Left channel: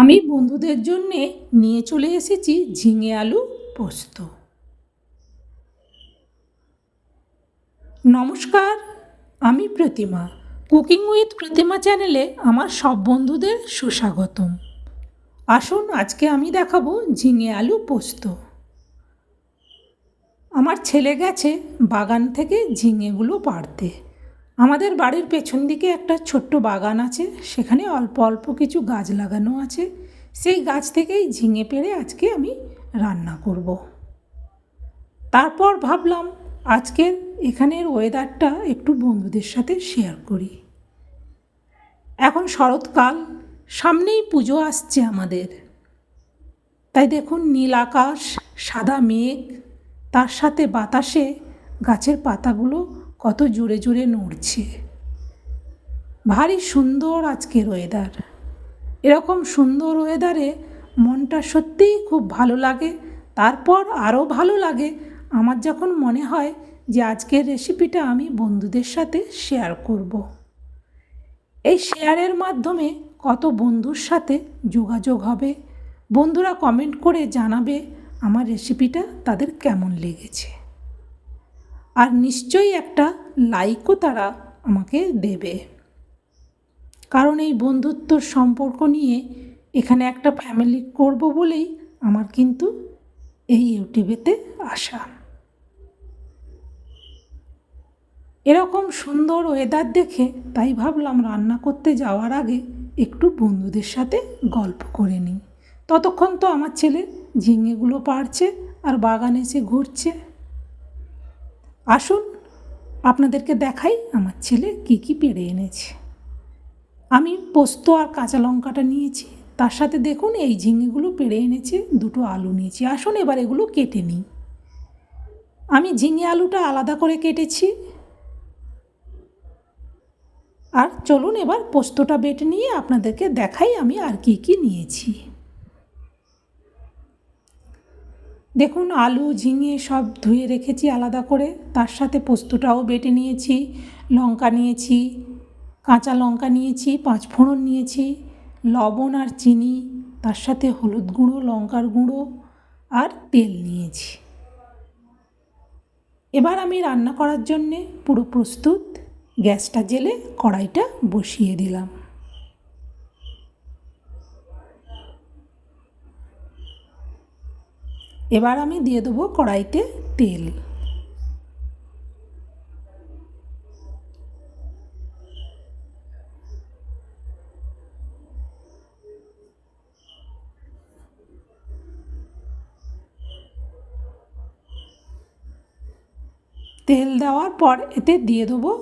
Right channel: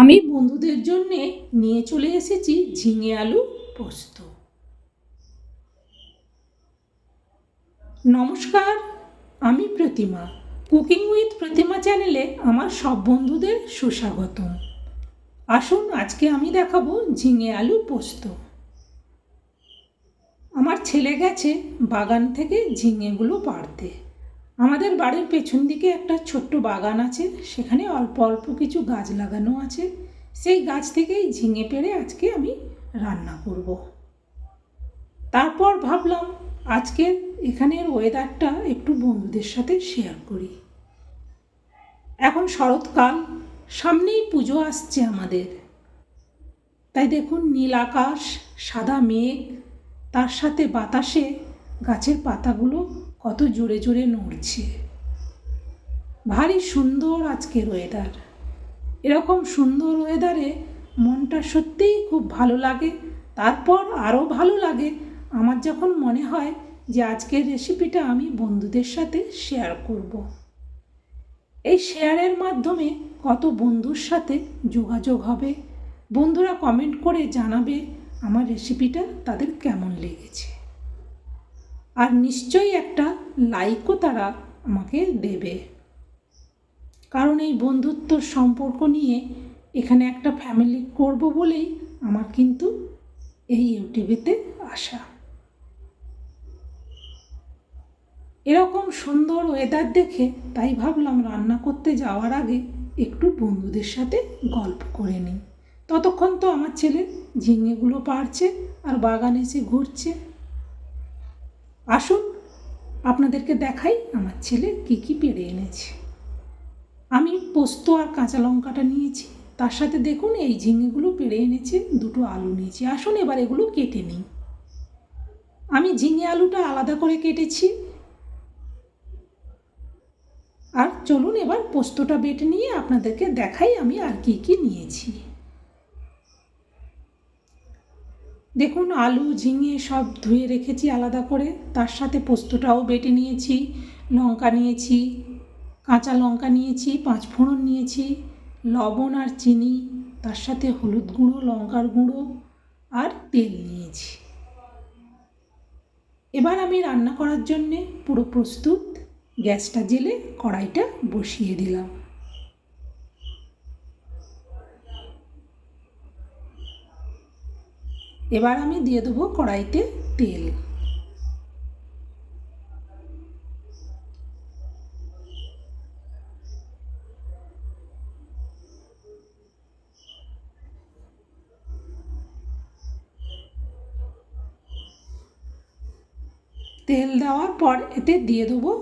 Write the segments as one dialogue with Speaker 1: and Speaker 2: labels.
Speaker 1: আমি বন্ধুদের জন্যে নিয়ে চলে এসেছি ঝিঙে আলু পোস্ত। নমস্কার, আমি প্রতিমা। কুকিং উইথ প্রতিমা চ্যানেলে আমার সব বন্ধুদের সুস্বাগতম। আসুন, আজকে আমি দেখাবো ঝিঙে আলু পোস্ত। আমার ছেলে গেছে বাগান থেকে ঝিঙেগুলো পাড়তে। আমাদের বাড়ির পেছন দিকে একটা ছোট্ট বাগান আছে, সেখানে অল্প অল্প কিছু গাছ লাগানো আছে। সেই গাছ থেকেই ঝিঙে পেড়ে আজকে আমি রান্না করব। তারপর ভাবলাম আজকের এখানের ওয়েদারটা একটু বন্ধুদের সাথে শেয়ার করি। এখন শরৎকাল, সামনেই পুজো আসছে আমাদের। তাই দেখুন নীল আকাশ, সাদা মেঘ, তার সাথে বাতাসে গাছের পাতাগুলো কত জোরে জোরে নড়ছে। ভারী সুন্দর আজকের ওয়েদার এরকম সুন্দর ওয়েদারে মনটা সত্যিই খুব ভালো লাগে। তারপর আরও ভালো লাগে। আমার যখন মনে হয় যে আজকের রেসিপিটা আমি বন্ধুদের সাথে শেয়ার করব। এই শেয়ারের মাধ্যমে কত বন্ধুর সাথে যোগাযোগ হবে। বন্ধুরা কমেন্ট করে জানাবে আমার রেসিপিটা তাদের কেমন লেগেছে। আর নিশ্চয়ই একটা লাইকও তারা আমাকে দেবে। কারণ এই বন্ধুত্বর সম্পর্ক নিয়ে এখানে একটা ফ্যামিলি করব বলেই আমার কিন্তু এই ইউটিউবেতে আসা এরকম সুন্দর ওয়েদার দেখে তাই ভাবলাম রান্না করতে যাওয়ার আগে একটু বন্ধুদের সাথে গল্প করে নিই। ততক্ষণ তো আমার ছেলে ঝিঙেগুলো পারছে আর বাগানে এসে ঘুরছে। আসুন, আপনাদেরকে দেখাই আমার ছেলে কী কী পেড়ে এনেছে। আমি পোস্ত আর কাঁচা লঙ্কাটা নিয়েছি, তার সাথে দেখুন এই ঝিঙেগুলো পেড়ে এনেছে, দুটো আলু নিয়েছি। আসুন এবার এগুলো কেটে নিই। আমি ঝিঙে আলুটা আলাদা করে কেটেছি। আর চলুন এবার পোস্তটা বেটে নিয়ে আপনাদেরকে দেখাই আমি আর কি কি নিয়েছি। দেখুন, আলু ঝিঙে সব ধুয়ে রেখেছি আলাদা করে। তার সাথে পোস্তটাও বেটে নিয়েছি, লঙ্কা নিয়েছি, কাঁচা লঙ্কা নিয়েছি, পাঁচ ফোড়ন নিয়েছি, লবণ আর চিনি, তার সাথে হলুদ গুঁড়ো, লঙ্কার গুঁড়ো আর তেল নিয়েছি। এবার আমি রান্না করার জন্যে পুরো প্রস্তুত, গ্যাসটা জেলে কড়াইটা বসিয়ে দিলাম। এবার আমি দিয়ে দেবো কড়াইতে তেল। তেল দেওয়ার পর এতে দিয়ে দেবো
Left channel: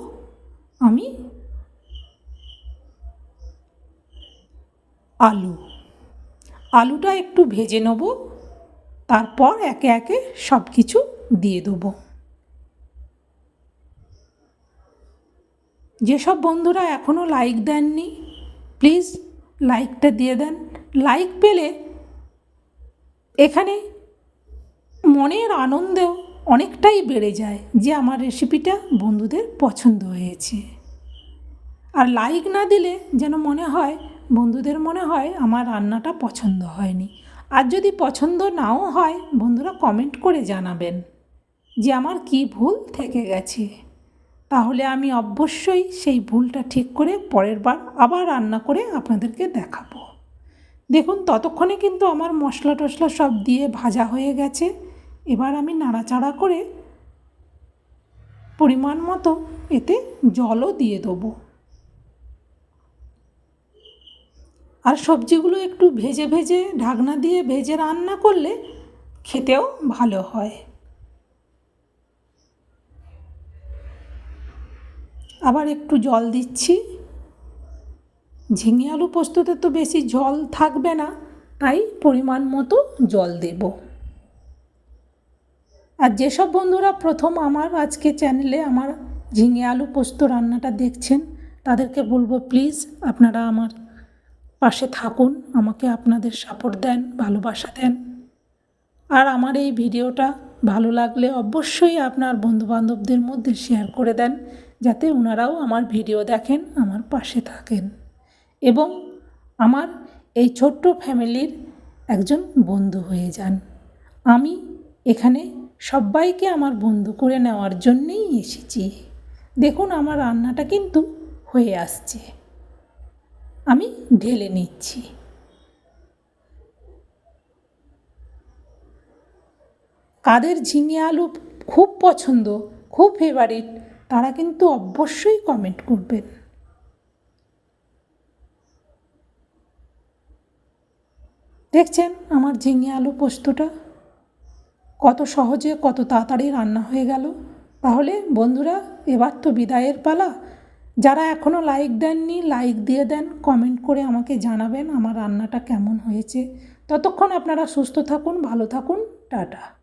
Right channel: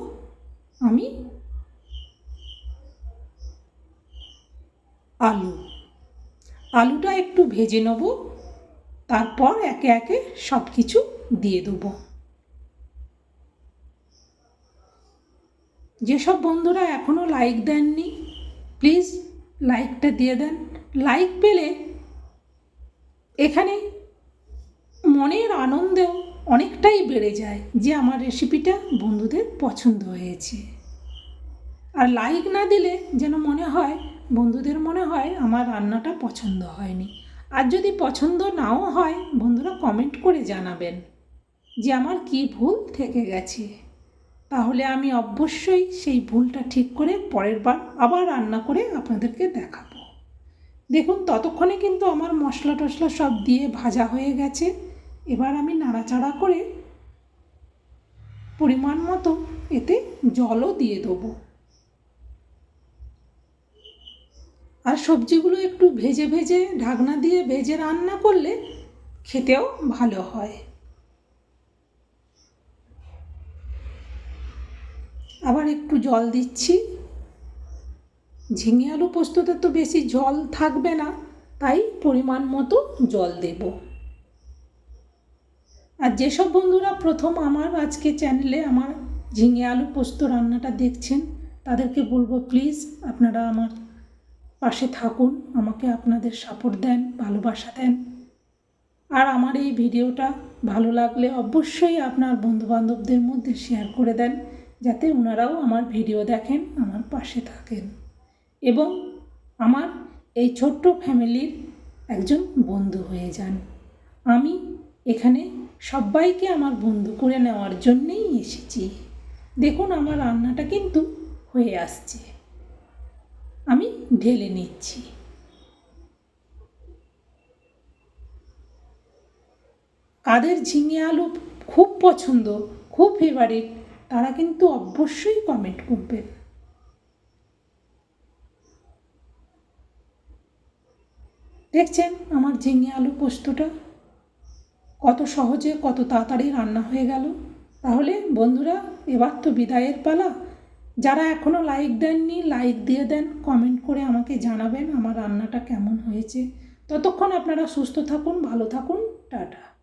Speaker 1: আমি আলু। আলুটা একটু ভেজে নেব। তারপর একে একে সব কিছু দিয়ে দেবো। যেসব বন্ধুরা এখনও লাইক দেননি প্লিজ লাইকটা দিয়ে দেন। লাইক পেলে এখানে মনের আনন্দেও অনেকটাই বেড়ে যায় যে আমার রেসিপিটা বন্ধুদের পছন্দ হয়েছে। আর লাইক না দিলে যেন মনে হয়, বন্ধুদের মনে হয় আমার রান্নাটা পছন্দ হয়নি। আর যদি পছন্দ নাও হয়, বন্ধুরা কমেন্ট করে জানাবেন যে আমার কি ভুল থেকে গেছে। তাহলে আমি অবশ্যই সেই ভুলটা ঠিক করে পরের বার আবার রান্না করে আপনাদেরকে দেখাবো। দেখুন, ততক্ষণে কিন্তু আমার মশলা টশলা সব দিয়ে ভাজা হয়ে গেছে। এবার আমি নাড়াচাড়া করে পরিমাণ মতো এতে জলও দিয়ে দেবো। আর সবজিগুলো একটু ভেজে ভেজে ঢাকনা দিয়ে ভেজে রান্না করলে খেতেও ভালো হয়। আবার একটু জল দিচ্ছি। ঝিঙে আলু পোস্ততে তো বেশি জল থাকবে না, তাই পরিমাণ মতো জল দেব। আর যেসব বন্ধুরা প্রথম আমার আজকে চ্যানেলে আমার ঝিঙে আলু পোস্ত রান্নাটা দেখছেন, তাদেরকে বলব, প্লিজ আপনারা আমার পাশে থাকুন, আমাকে আপনাদের সাপোর্ট দেন, ভালোবাসা দেন। আর আমার এই ভিডিওটা ভালো লাগলে অবশ্যই আপনার বন্ধুবান্ধবদের মধ্যে শেয়ার করে দেন, যাতে ওনারাও আমার ভিডিও দেখেন, আমার পাশে থাকেন। এবং আমার এই ছোট্ট ফ্যামিলির একজন বন্ধু হয়ে যান। আমি এখানে সবাইকে আমার বন্ধু করে নেওয়ার জন্যেই এসেছি। দেখুন, আমার রান্নাটা কিন্তু হয়ে আসছে। আমি ঢেলে নিচ্ছি। কাদের ঝিঙে আলু খুব পছন্দ, খুব ফেভারিট তারা কিন্তু অবশ্যই কমেন্ট করবেন দেখছেন আমার ঝিঙে আলু পোস্তটা? কত সহজে, কত তাড়াতাড়ি রান্না হয়ে গেল। তাহলে বন্ধুরা, এবার তো বিদায়ের পালা। যারা এখনও লাইক দেননি লাইক দিয়ে দেন কমেন্ট করে আমাকে জানাবেন আমার রান্নাটা কেমন হয়েছে। ততক্ষণ আপনারা সুস্থ থাকুন, ভালো থাকুন, টাটা।